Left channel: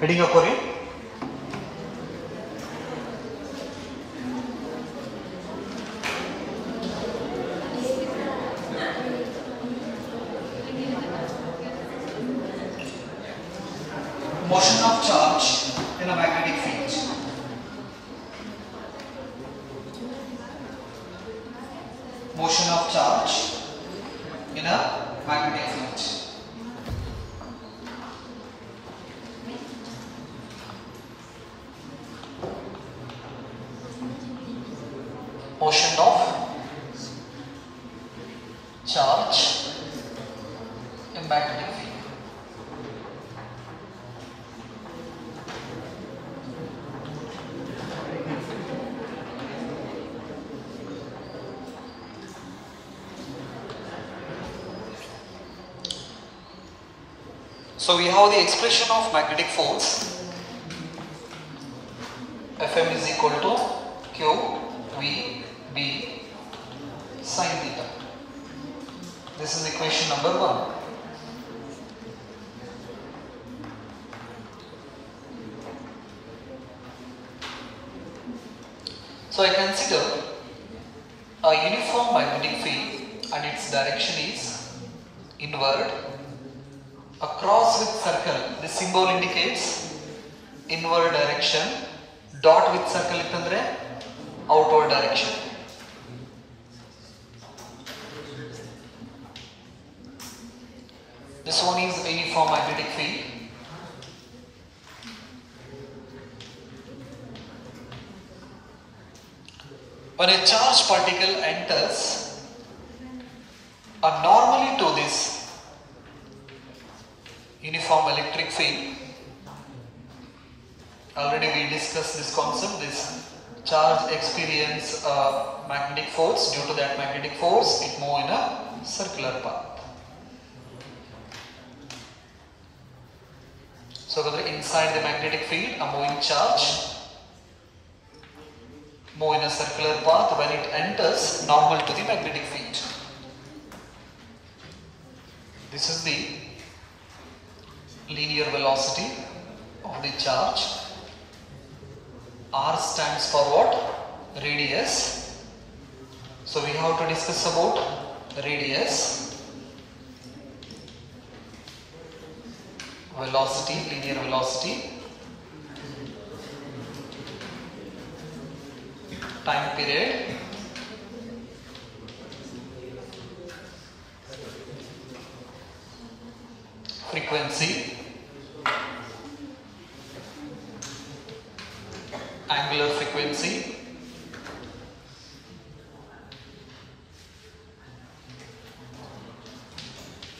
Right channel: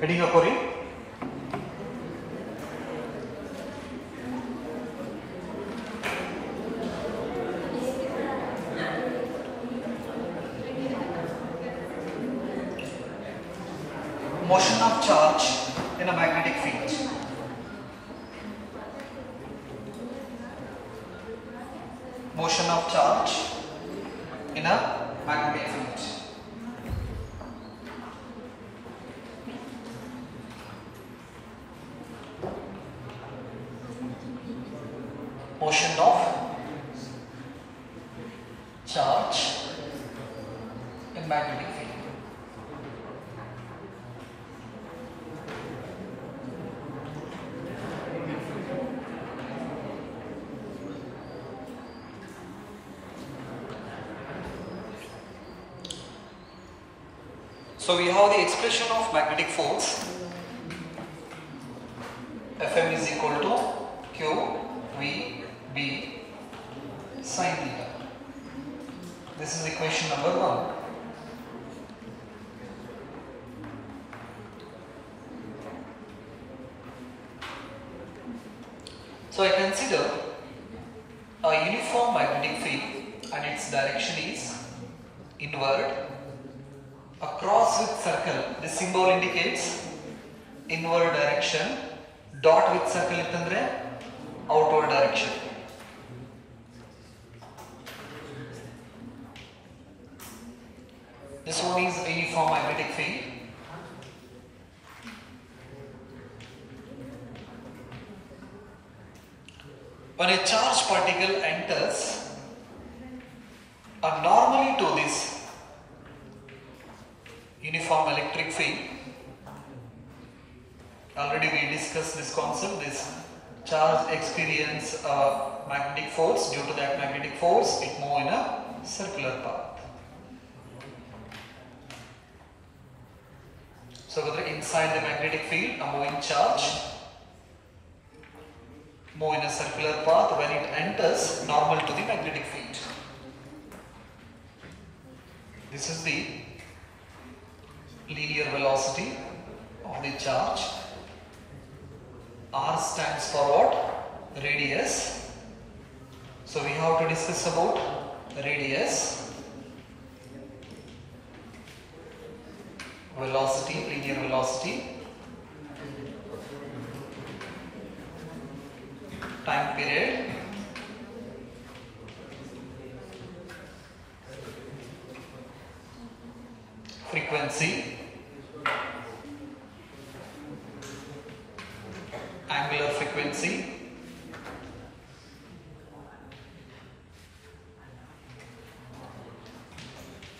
ಹೆಡಿಂಗ್ ಹಾಕೋರಿ. Motion of charge in a magnetic field. Motion of charge in a magnetic field. Motion of charge in magnetic field. So we have the expression of magnetic force. Fm is equal to Q V B sin theta. This is equation number 1. So I consider a uniform magnetic field and its direction is inward. A cross with circle, this symbol indicates inward direction. Dot with circle ittandre outward direction. This one is a uniform magnetic field. When a charged particle enters normally to this uniform electric field, already we discussed this concept. This charge experience magnetic force. Due to that magnetic force, it moves in a circular path. So inside the magnetic field, a moving charge move in a circular path. When it enters normal to the magnetic field, this is the linear velocity of the charge. R stands for what? Radius. So we have to discuss about radius, velocity, linear velocity, time period, frequency, angular frequency,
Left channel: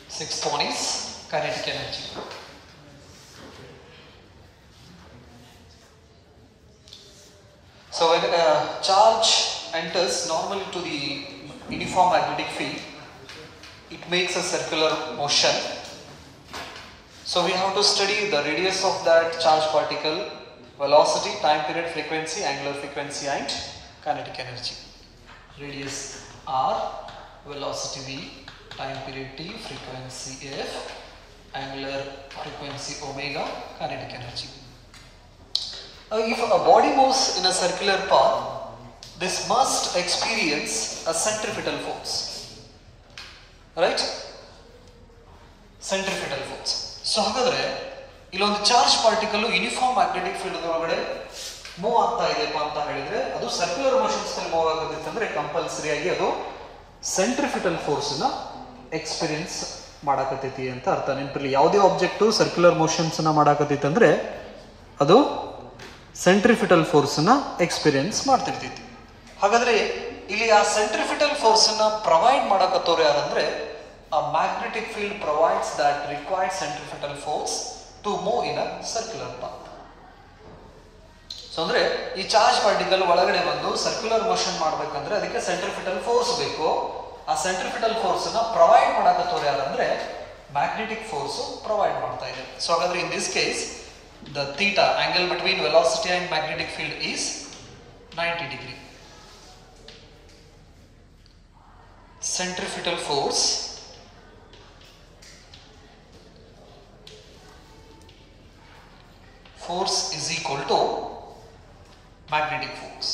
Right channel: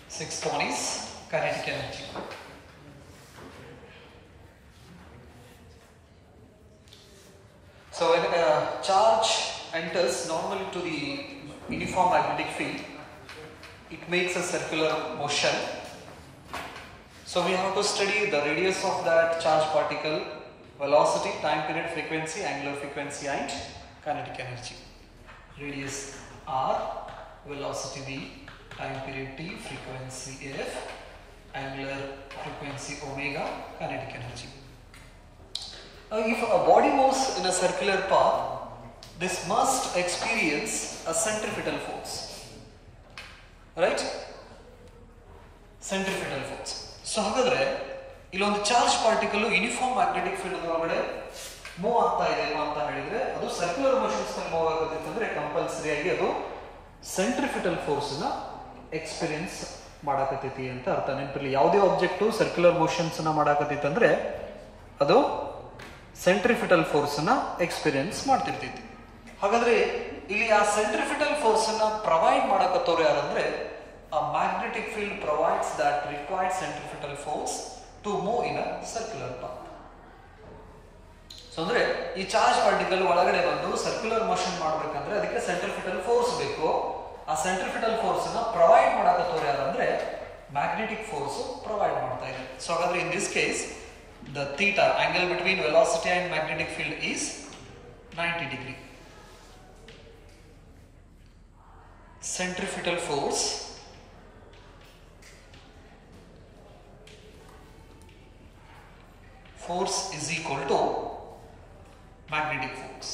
sixth one is kinetic energy. So when a charge enters normally to the uniform magnetic field, it makes a circular motion. So we have to study the radius of that charged particle, velocity, time period, frequency, angular frequency and kinetic energy. Radius R, velocity V, time period T, frequency F, angular frequency omega, kinetic energy. If a body moves in a circular path, this must experience a centripetal force. Right? Centripetal force. So ಹಾಗಾದ್ರೆ ಇಲ್ಲೊಂದು charge particle uniform magnetic field ಒಳಗಡೆ ಮೂವ್ ಆಗ್ತಾ ಇದೆ ಅಂತ ಹೇಳಿದ್ರೆ ಅದು circular motions ನಲ್ಲಿ ಮೂವ್ ಆಗೋದಿತ್ತಂದ್ರೆ ಕಂಪಲ್ಸರಿ ಆಗಿ ಅದು ಸೆಂಟ್ರಿಫಿಟಲ್ ಫೋರ್ಸ್ ನ ಎಕ್ಸ್ಪೀರಿಯನ್ಸ್ ಮಾಡಕತ್ತೈತಿ ಅಂತ ಅರ್ಥ. ನೆನಪಿರ್ಲಿ, ಯಾವುದೇ ಆಬ್ಜೆಕ್ಟ್ ಸರ್ಕ್ಯುಲರ್ ಮೋಷನ್ಸ್ ನ ಮಾಡಕತ್ತೈತಿ ಅಂದ್ರೆ ಅದು ಸೆಂಟ್ರಿಫಿಟಲ್ ಫೋರ್ಸ್ ನ ಎಕ್ಸ್ಪೀರಿಯನ್ಸ್ ಮಾಡ್ತಿರ್ತೈತಿ. ಹಾಗಾದ್ರೆ ಇಲ್ಲಿ ಆ ಸೆಂಟ್ರಿಫಿಟಲ್ ಫೋರ್ಸ್ ನ ಪ್ರೊವೈಡ್ ಮಾಡಕತ್ತವ್ರು ಯಾರಂದ್ರೆ a magnetic field provides that required centrifugal force to move in a circular path. So ಅಂದ್ರೆ ಈ ಚಾರ್ಜ್ ಪಾರ್ಟಿಕಲ್ ಒಳಗಡೆ ಬಂದು ಸರ್ಕ್ಯುಲರ್ ಮೋಷನ್ ಮಾಡಬೇಕಂದ್ರೆ ಅದಕ್ಕೆ ಸೆಂಟ್ರಿಫಿಟಲ್ ಫೋರ್ಸ್ ಬೇಕು. ಆ ಸೆಂಟ್ರಿಫಿಟಲ್ ಫೋರ್ಸ್ ನ ಪ್ರೊವೈಡ್ ಮಾಡಕತ್ತವ್ರು ಯಾರಂದ್ರೆ ಮ್ಯಾಗ್ನೆಟಿಕ್ ಫೋರ್ಸ್ ಪ್ರೊವೈಡ್ ಮಾಡ್ತಾ ಇದೆ. ಸೊ ಹಾಗಾದ್ರೆ in this case the theta, angle between velocity and magnetic field is 90 degree. Centrifugal force force is equal to magnetic force.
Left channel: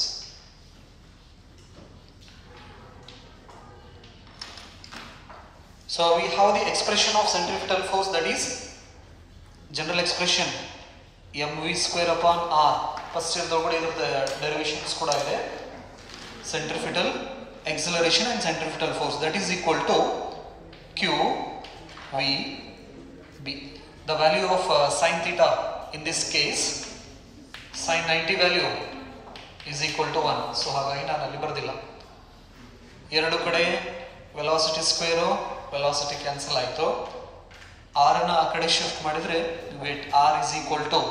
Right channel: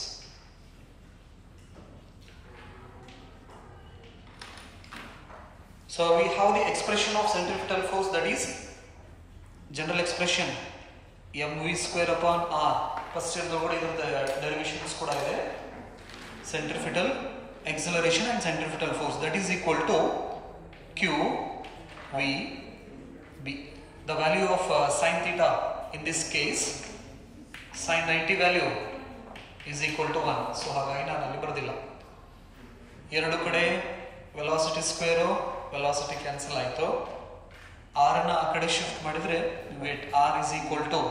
So we have the expression of centrifugal force, that is general expression mv square upon r. First year dogode idrda derivations kuda ide. Centrifugal acceleration and centrifugal force, that is equal to q v b. The value of sin theta in this case, sin 90 value is equal to 1. So ಹಾಗಾಗಿ ನಾನು ಅಲ್ಲಿ ಬರೆದಿಲ್ಲ. ಎರಡು ಕಡೆ velocity square velocity cancel ಆಯ್ತು. r ನ ಆ ಕಡೆ ಶಿಫ್ಟ್ ಮಾಡಿದ್ರೆ wait r is equal to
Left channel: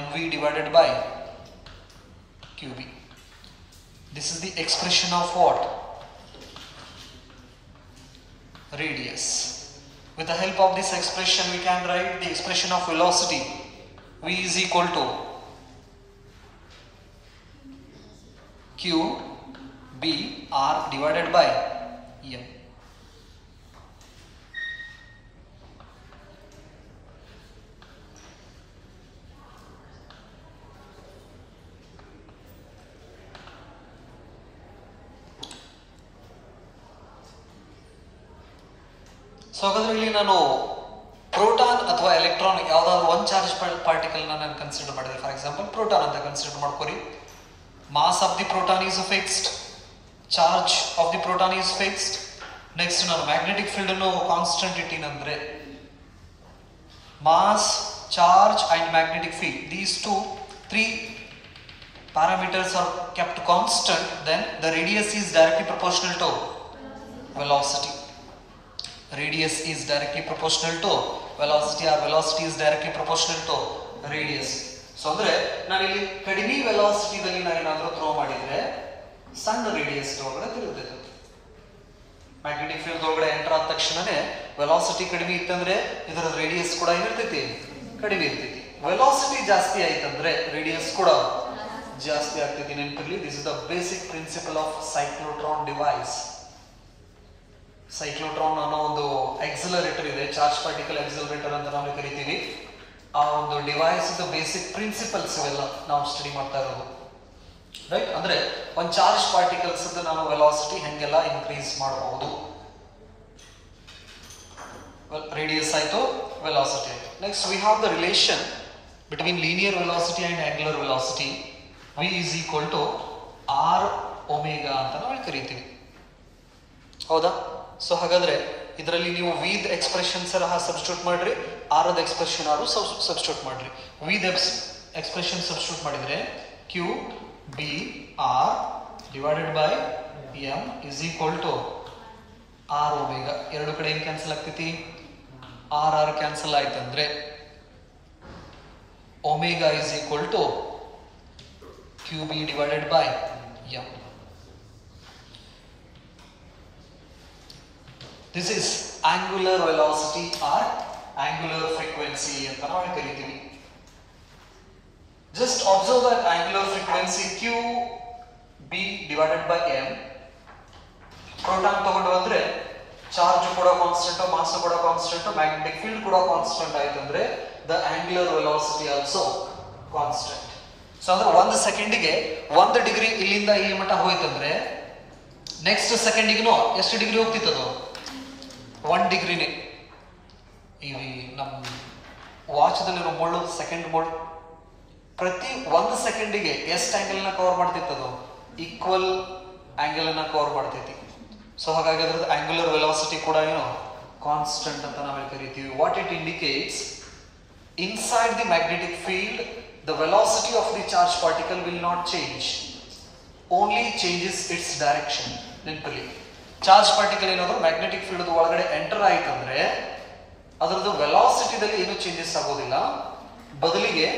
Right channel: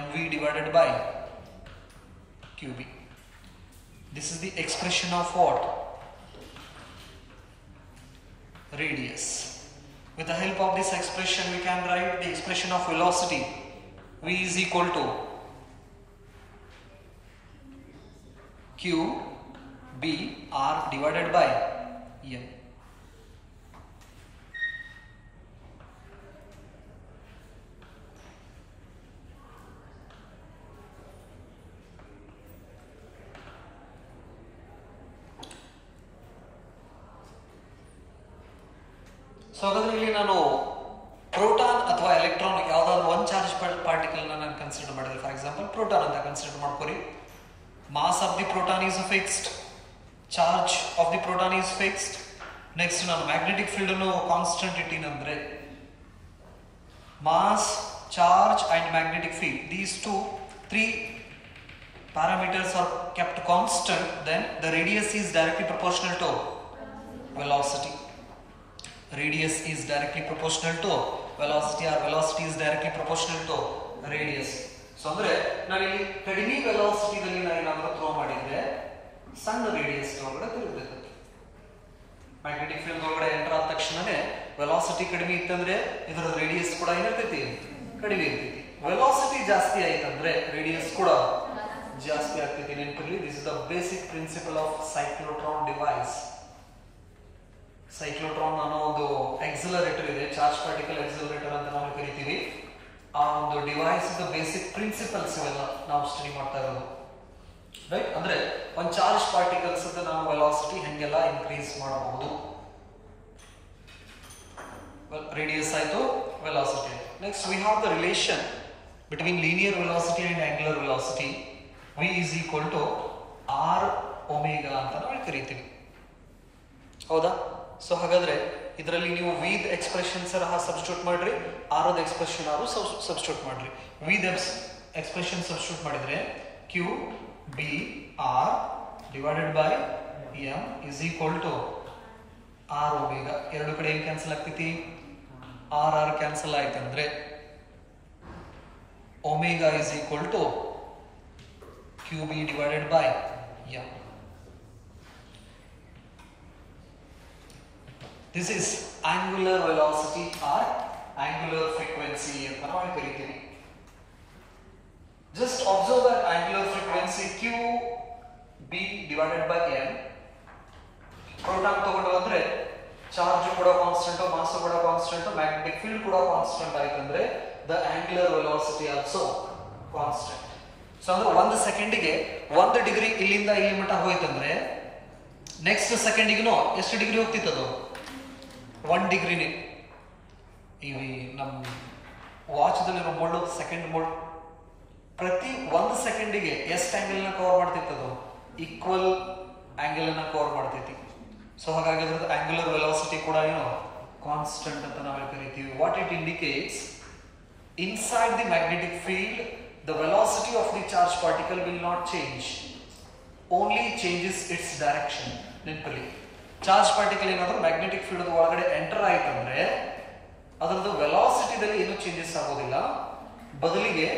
mv divided by qb. This is the expression of what? Radius. With the help of this expression we can write the expression of velocity. V is equal to q b r divided by m. So ಹಾಗಾದ್ರೆ ಇಲ್ಲಿ ನಾನು proton ಅಥವಾ electron ಯಾವ್ದಾದ್ರು ಒಂದು charge particle ನಾನು consider ಮಾಡಿದೆ. For example proton ಅಂತ consider ಮಾಡ್ಕೊರಿ. Mass of the proton is fixed, charge of the proton is fixed. Next ನಾನು ಮ್ಯಾಗ್ನೆಟಿಕ್ ಫೀಲ್ಡ್ ಅನ್ನು ಕಾನ್ಸ್ಟೆಂಟ್ ಇಟ್ಟಿನಂದ್ರೆ mass, charge and magnetic field, these three parameters are kept constant, then the radius is directly proportional to velocity. Radius is directly proportional to velocity, or velocity is directly proportional to radius. So ಅಂದ್ರೆ ನಾನು ಇಲ್ಲಿ ಕಡಿಮೆ ವೆಲಾಸಿಟಿ ದಲ್ಲಿ ನಾನು ಏನಾದರೂ ಥ್ರೋ ಮಾಡಿದ್ರೆ ಸಣ್ಣ ರೇಡಿಯಸ್ ಒಳಗಡೆ ತಿರುಗುತ್ತೆ. ಮ್ಯಾಗ್ನೆಟಿಕ್ ಫೀಲ್ಡ್ ಒಳಗಡೆ ಎಂಟರ್ ಆದ ತಕ್ಷಣನೇ ವೆಲಾಸಿಟಿ ಕಡಿಮೆ ಇತ್ತಂದ್ರೆ ಇದರ ರೇಡಿಯಸ್ ಕೂಡ ಏನಿರ್ತೈತಿ, ಕಡಿಮೆ ಇರ್ತೈತಿ. ವೆಲಾಸಿಟಿ ಜಾಸ್ತಿ ಆಯ್ತಂದ್ರೆ ರೇಡಿಯಸ್ ಕೂಡ ಜಾಸ್ತಿ ಆಗ್ತೈತಿ. ನೆನಪಿರಲಿ, this is the basic principle of cyclotron device. Cyclotron ಅನ್ನೋ ಒಂದು ಎಕ್ಸಲರೇಟರ್ ಇದೆ, ಚಾರ್ಜ್ ಪಾರ್ಟಿಕಲ್ ಎಕ್ಸಲರೇಟರ್ ಅಂತ ನಾವು ಕರಿತೀವಿ. ಆ ಒಂದು ಡಿವೈಸ್ ಬೇಸಿಕ್ ಪ್ರಿನ್ಸಿಪಲ್ಸ್ ಇವೆಲ್ಲ ನಾವು ಸ್ಟಡಿ ಮಾಡ್ತಾ ಇರೋದು, ರೈಟ್? ಅಂದ್ರೆ ಒಂದು ಚಾರ್ಜ್ ಪಾರ್ಟಿಕಲ್ಸ್ ನಾವು ವೆಲಾಸಿಟಿ ಹೆಂಗೆಲ್ಲ ಇನ್ಕ್ರೀಸ್ ಮಾಡಬಹುದು. ರೇಡಿಯಸ್ ಆಯ್ತು, ವೆಲಾಸಿಟಿ ಆಯ್ತು. Next we have the relation between linear velocity and angular velocity. v is equal to r omega ಅಂತ ನಾವು ಕರಿತೀವಿ, ಹೌದಾ? ಸೊ ಹಾಗಾದ್ರೆ ಇದರಲ್ಲಿ ನೀವು ವಿ ದ ಎಕ್ಸ್ಪ್ರೆಷನ್ ಸಹ ಸಬ್ಸ್ಟಿಟ್ಯೂಟ್ ಮಾಡ್ರಿ, r the expression r substitute ಮಾಡ್ರಿ. ವಿ ದ ಎಕ್ಸ್ಪ್ರೆಷನ್ ಸಬ್ಸ್ಟಿಟ್ಯೂಟ್ ಮಾಡಿದ್ರೆ q B r divided by m is equal to r omega. ಎರಡು ಕಡೆ ಏನು ಕ್ಯಾನ್ಸಲ್ ಆಗ್ತೈತಿ? ಆರ್ ಆರ್ ಕ್ಯಾನ್ಸಲ್ ಆಯ್ತಂದ್ರೆ omega is equal to q B divided by m. This is angular velocity or angular frequency ಅಂತ ನಾವು ಕರಿತೀವಿ. Just observe that angular frequency q b divided by m. Proton ತಗೊಂಡು ಬಂದ್ರೆ ಚಾರ್ಜ್ ಕೂಡ constant, mass ಕೂಡ constant, magnetic field ಕೂಡ ಕಾನ್ಸ್ಟೆಂಟ್ ಆಯ್ತಂದ್ರೆ the angular velocity also constant. So ಅಂದ್ರೆ ಒಂದು ಸೆಕೆಂಡಿಗೆ 1 ಡಿಗ್ರಿ ಇಲ್ಲಿಂದ ಇಲ್ಲಿ ಮಟ್ಟ ಹೋಯ್ತಂದ್ರೆ ನೆಕ್ಸ್ಟ್ ಸೆಕೆಂಡಿಗೂ ಎಷ್ಟು ಡಿಗ್ರಿ ಹೋಗ್ತಿತ್ತದು? 1 ಡಿಗ್ರಿನೇ. ಈ ನಮ್ಮ ವಾಚ್ದಲ್ಲಿ ನಾವು ಮೋಡ್ ಸೆಕೆಂಡ್ ಮೋಡ್ ಪ್ರತಿ 1 ಸೆಕೆಂಡಿಗೆ ಎಷ್ಟು ಆಂಗಲ್ ನ ಕವರ್ ಮಾಡ್ತಿತ್ತದು? ಈಕ್ವಲ್ ಆಂಗಲ್ ಅನ್ನ ಕವರ್ ಮಾಡ್ತೈತಿ. ಸೊ ಹಾಗಾಗಿ ಅದ್ರದ್ದು ಆಂಗ್ಯುಲರ್ ವೆಲಾಸಿಟಿ ಕೂಡ ಏನು ಕಾನ್ಸ್ಟೆಂಟ್ ಅಂತ ನಾವು ಕರಿತೀವಿ. What it indicates, inside the magnetic field the velocity of the charged particle will not change, only changes its direction. ನೆನಪಲ್ಲಿ, ಚಾರ್ಜ್ ಪಾರ್ಟಿಕಲ್ ಏನಾದರೂ ಮ್ಯಾಗ್ನೆಟಿಕ್ ಫೀಲ್ಡ್ ಒಳಗಡೆ ಎಂಟರ್ ಆಯ್ತಂದ್ರೆ ಅದರದ್ದು ವೆಲಾಸಿಟಿದಲ್ಲಿ ಏನು ಚೇಂಜಸ್ ಆಗೋದಿಲ್ಲ, ಬದಲಿಗೆ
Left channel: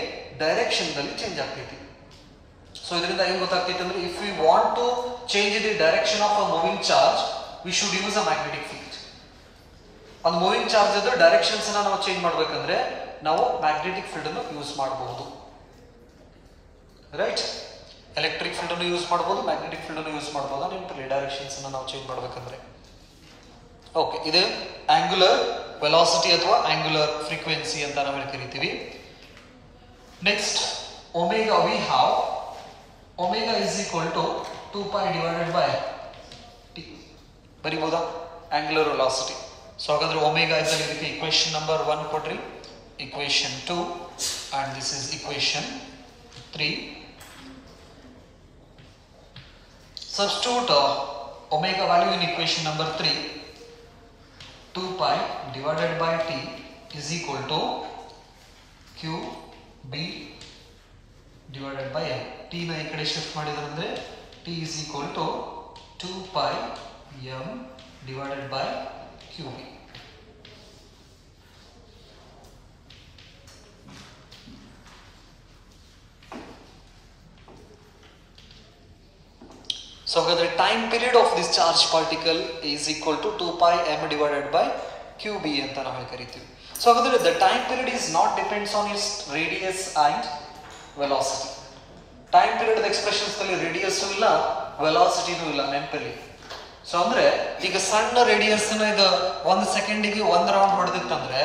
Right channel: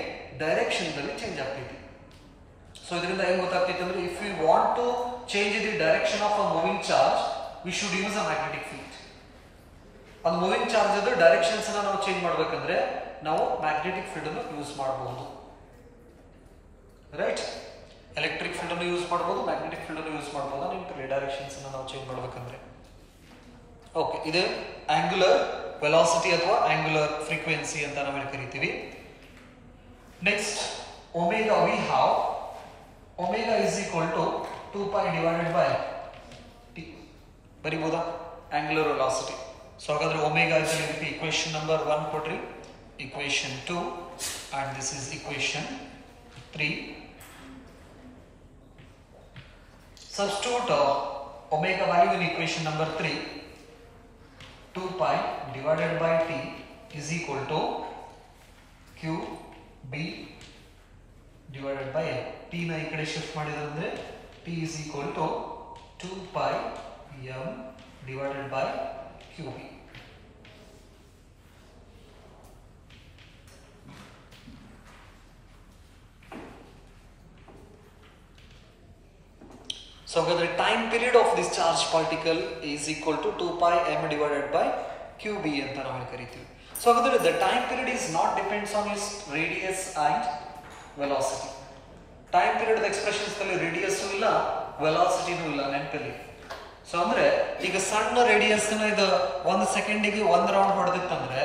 ಡೈರೆಕ್ಷನ್ ದಲ್ಲಿ ಚೇಂಜ್ ಆಗ್ತೈತಿ. ಸೊ ಇದರಿಂದ ಏನು ಗೊತ್ತಾಗ್ತೈತೆ ಅಂದ್ರೆ, if we want to change the direction of a moving charge we should use a magnetic field. ಒಂದು ಮೂವಿಂಗ್ ಚಾರ್ಜ್ ಡೈರೆಕ್ಷನ್ಸ್ ನಾವು ಚೇಂಜ್ ಮಾಡ್ಬೇಕಂದ್ರೆ ನಾವು ಮ್ಯಾಗ್ನೆಟಿಕ್ ಫೀಲ್ಡ್ ಅನ್ನು ಯೂಸ್ ಮಾಡಬಹುದು, ರೈಟ್? ಎಲೆಕ್ಟ್ರಿಕ್ ಫೀಲ್ಡ್ ಅನ್ನು ಯೂಸ್ ಮಾಡಬಹುದು, ಮ್ಯಾಗ್ನೆಟಿಕ್ ಫೀಲ್ಡ್ ಅನ್ನು ಯೂಸ್ ಮಾಡಬಹುದು. ನೆನಪಿರಲಿ, ಡೈರೆಕ್ಷನ್ಸ್ ನಾವು ಚೇಂಜ್ ಮಾಡ್ಬೇಕಂದ್ರೆ. ಓಕೆ, ಇದು ಆಂಗ್ಯುಲರ್ ವೆಲಾಸಿಟಿ ಅಥವಾ ಆಂಗ್ಯುಲರ್ ಫ್ರೀಕ್ವೆನ್ಸಿ ಅಂತ ನಾವು ಕರಿತೀವಿ. Next omega we have omega is equal to 2π divided by T. ಬರಿಬಹುದಾ ಆಂಗ್ಯುಲರ್ ವೆಲಾಸಿಟಿ? ಸೊ ಹಾಗಾದ್ರೆ ಒಮೆಗಾ ಇಸ್ ರೀತಿ ಇಕ್ವೇಶನ್ ನಂಬರ್ 1 ಕೊಟ್ರಿ, equation 2 and this is equation 3. Substitute omega value in equation number 3. 2π divided by t is equal to qb divided by l. t na ee kade shift madidare andre t is equal to 2π m divided by qb. So the time period of this charged particle is equal to 2π m divided by qb anta ನಾವು ಕರೀತೀವಿ. So the time period is not depends on its radius and velocity. Time period expressions ಅಲ್ಲಿ radius ಇಲ್ಲ velocity ಇಲ್ಲ ನೆನಪಲ್ಲಿ. ಸೊ ಅಂದ್ರೆ ಈಗ ಸಣ್ಣ ರೇಡಿಯಸ್ ಇದು 1 ಸೆಕೆಂಡಿಗೆ 1 ರೌಂಡ್ ಹೊಡೆದಿತ್ತಂದ್ರೆ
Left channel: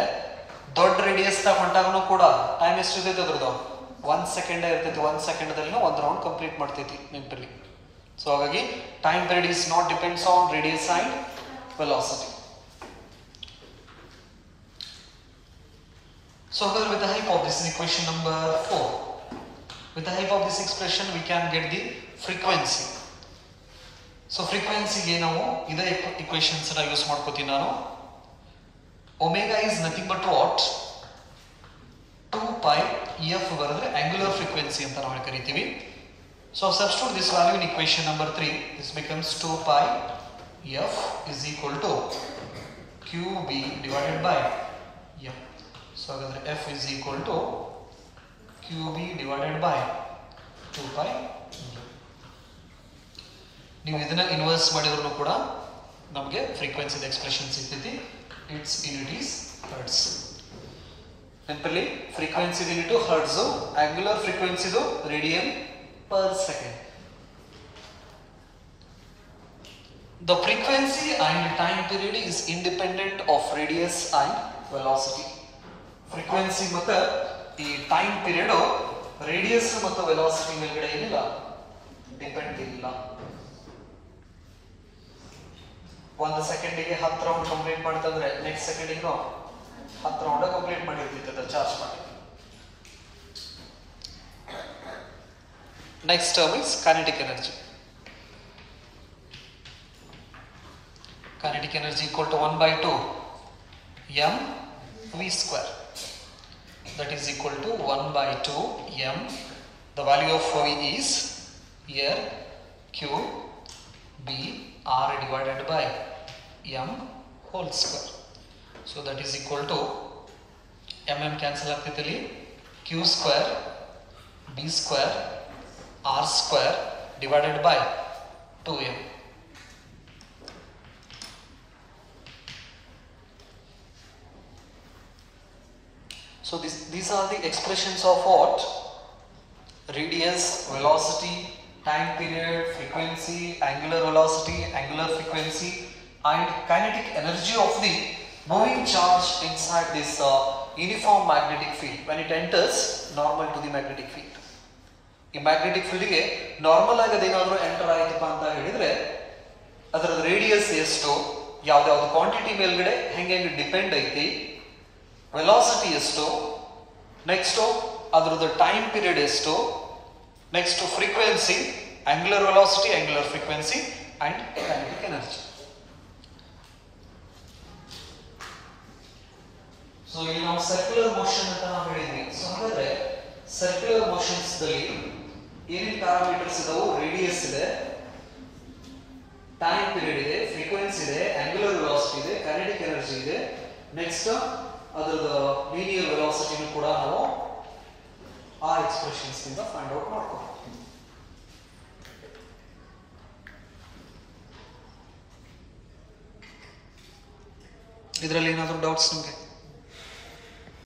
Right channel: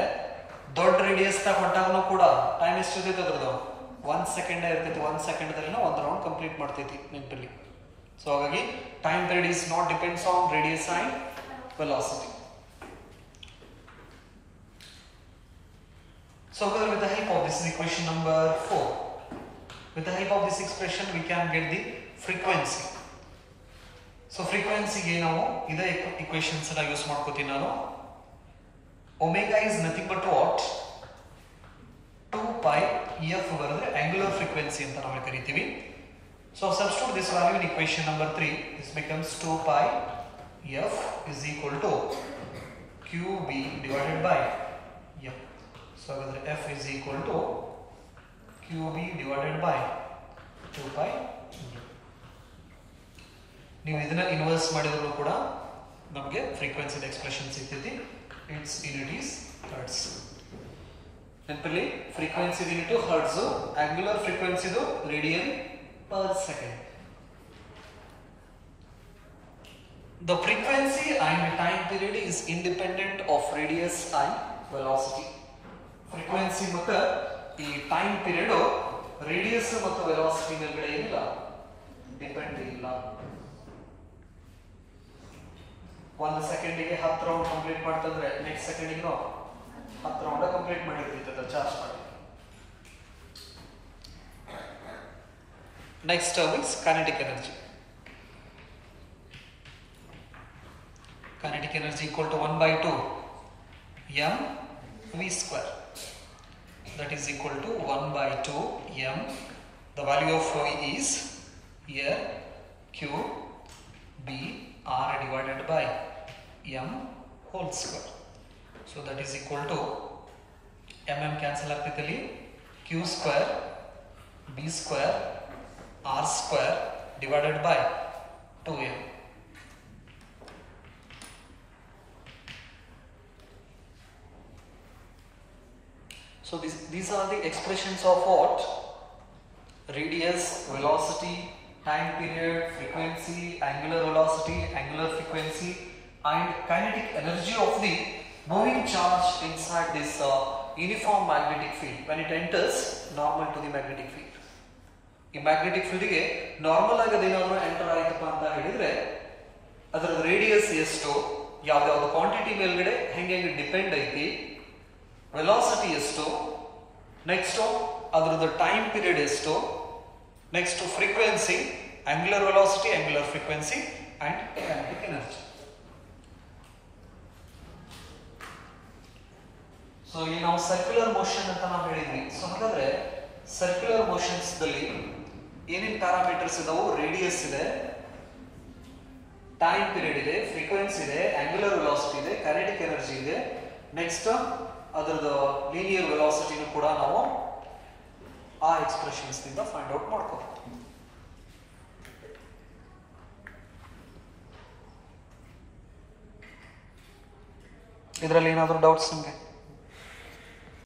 ದೊಡ್ಡ ರೇಡಿಯಸ್ ತ ಹೊಂಟಾಗನು ಕೂಡ ಟೈಮ್ ಎಷ್ಟು ಇರ್ತೈತೆ ಅದ್ರದ್ದು 1 ಸೆಕೆಂಡ್ ಇರ್ತೈತಿ. 1 ಸೆಕೆಂಡ್ ಒಂದು ರೌಂಡ್ ಕಂಪ್ಲೀಟ್ ಮಾಡ್ತೈತಿ ನೆನಪಲ್ಲಿ. So ಹಾಗಾಗಿ time period is not depends on radius and velocity. So with the help of this equation number 4, with the help of this expression we can get the frequency. So frequency ಗೆ ನಾವು ಇದೇ equations ಅನ್ನು ಯೂಸ್ ಮಾಡ್ಕೋತೀನಿ ನಾನು. Omega is nothing but what? 2π f ಬರೆದ್ರೆ angular frequency ಅಂತ ನಾವು ಕರಿತೀವಿ. So substitute this value in equation number 3. This becomes 2π f is equal to qb divided by m. So f is equal to qb divided by 2π m. ನೀವು ಇದನ್ನ ಇನ್ವರ್ಸ್ ಮಾಡಿದ್ರು ಕೂಡ ನಮಗೆ frequency expression ಸಿಗ್ತೈತಿ. Its unit is hertz. ನೆನಪಲ್ಲಿ frequency unit hertz, angular frequency radian per second. The frequency and time period is independent of radius and velocity. Frequency ಮತ್ತು ಈ time period radius ಮತ್ತು velocity ಮೇಲ್ಗಡೆ ಏನಿಲ್ಲ, ಡಿಪೆಂಡ್ ಇಲ್ಲ. 1 ಸೆಕೆಂಡಿಗೆ 10 ರೌಂಡ್ ಕಂಪ್ಲೀಟ್ ಮಾಡ್ತಂದ್ರೆ ನೆಕ್ಸ್ಟ್ ಸೆಕೆಂಡಿಗೆ 10 ರೌಂಡ್ ಕಂಪ್ಲೀಟ್ ಮಾಡಿರ್ತೈತೆ ಚಾರ್ಜ್ ಮಾಡಿ. Next term is kinetic energy. Kinetic energy equal to 1 by 2 m v square. That is equal to 1 by 2 m. The value of v is here q b r divided by m whole square. So that is equal to mm cancel ಆಗ್ತೈತಲ್ಲಿ q square b square r square divided by 2m. So these are the expressions of what? Radius, velocity, time period, frequency, angular velocity, angular frequency, and kinetic energy of the moving charge inside this uniform magnetic field when it enters normal to the magnetic field. ಈ ಮ್ಯಾಗ್ನೆಟಿಕ್ ಫೀಲ್ಡ್ಗೆ ನಾರ್ಮಲ್ ಆಗಿ ಅದೇನಾದ್ರೂ ಎಂಟರ್ ಆಯ್ತಪ್ಪ ಅಂತ ಹೇಳಿದ್ರೆ ಅದರ ರೇಡಿಯಸ್ ಎಷ್ಟು, ಯಾವ್ದಾವ್ದು ಕ್ವಾಂಟಿಟಿ ಮೇಲ್ಗಡೆ ಹೆಂಗೆ ಡಿಪೆಂಡ್ ಐತಿ, ವೆಲಾಸಿಟಿ ಎಷ್ಟು, ನೆಕ್ಸ್ಟ್ ಅದ್ರದ್ದು ಟೈಮ್ ಪೀರಿಯಡ್ ಎಷ್ಟು, next frequency, angular velocity, angular frequency and kinetic energy. So ಇಲ್ಲಿ ನಾವು ಸರ್ಕ್ಯುಲರ್ ಮೋಷನ್ ಅಂತ ನಾವು ಹೇಳಿದ್ವಿ. ಸೊ ಹಾಗಾದ್ರೆ ಸರ್ಕ್ಯುಲರ್ ಮೋಷನ್ಸ್ ದಲ್ಲಿ ಏನೇನು ಪ್ಯಾರಾಮೀಟರ್ಸ್ ಇದಾವು? ರೇಡಿಯಸ್ ಇದೆ, ಟೈಮ್ ಪೀರಿಯಡ್ ಇದೆ, ಫ್ರೀಕ್ವೆನ್ಸಿ ಇದೆ, ಆಂಗ್ಯುಲರ್ ವೆಲಾಸಿಟಿ ಇದೆ, ಕೈನೆಟಿಕ್ ಎನರ್ಜಿ ಇದೆ. ನೆಕ್ಸ್ಟ್ ಅದರದ ಲೀನಿಯರ್ ವೆಲಾಸಿಟಿನೂ ಕೂಡ ನಾವು ಆ ಎಕ್ಸ್ಪ್ರೆಷನ್ಸ್ ನಿಂದ ಫೈಂಡ್ ಔಟ್ ಮಾಡ್ಕೋಬಹುದು. ಇದರಲ್ಲಿ ಏನಾದರೂ ಡೌಟ್ಸ್ ನಿಮಗೆ?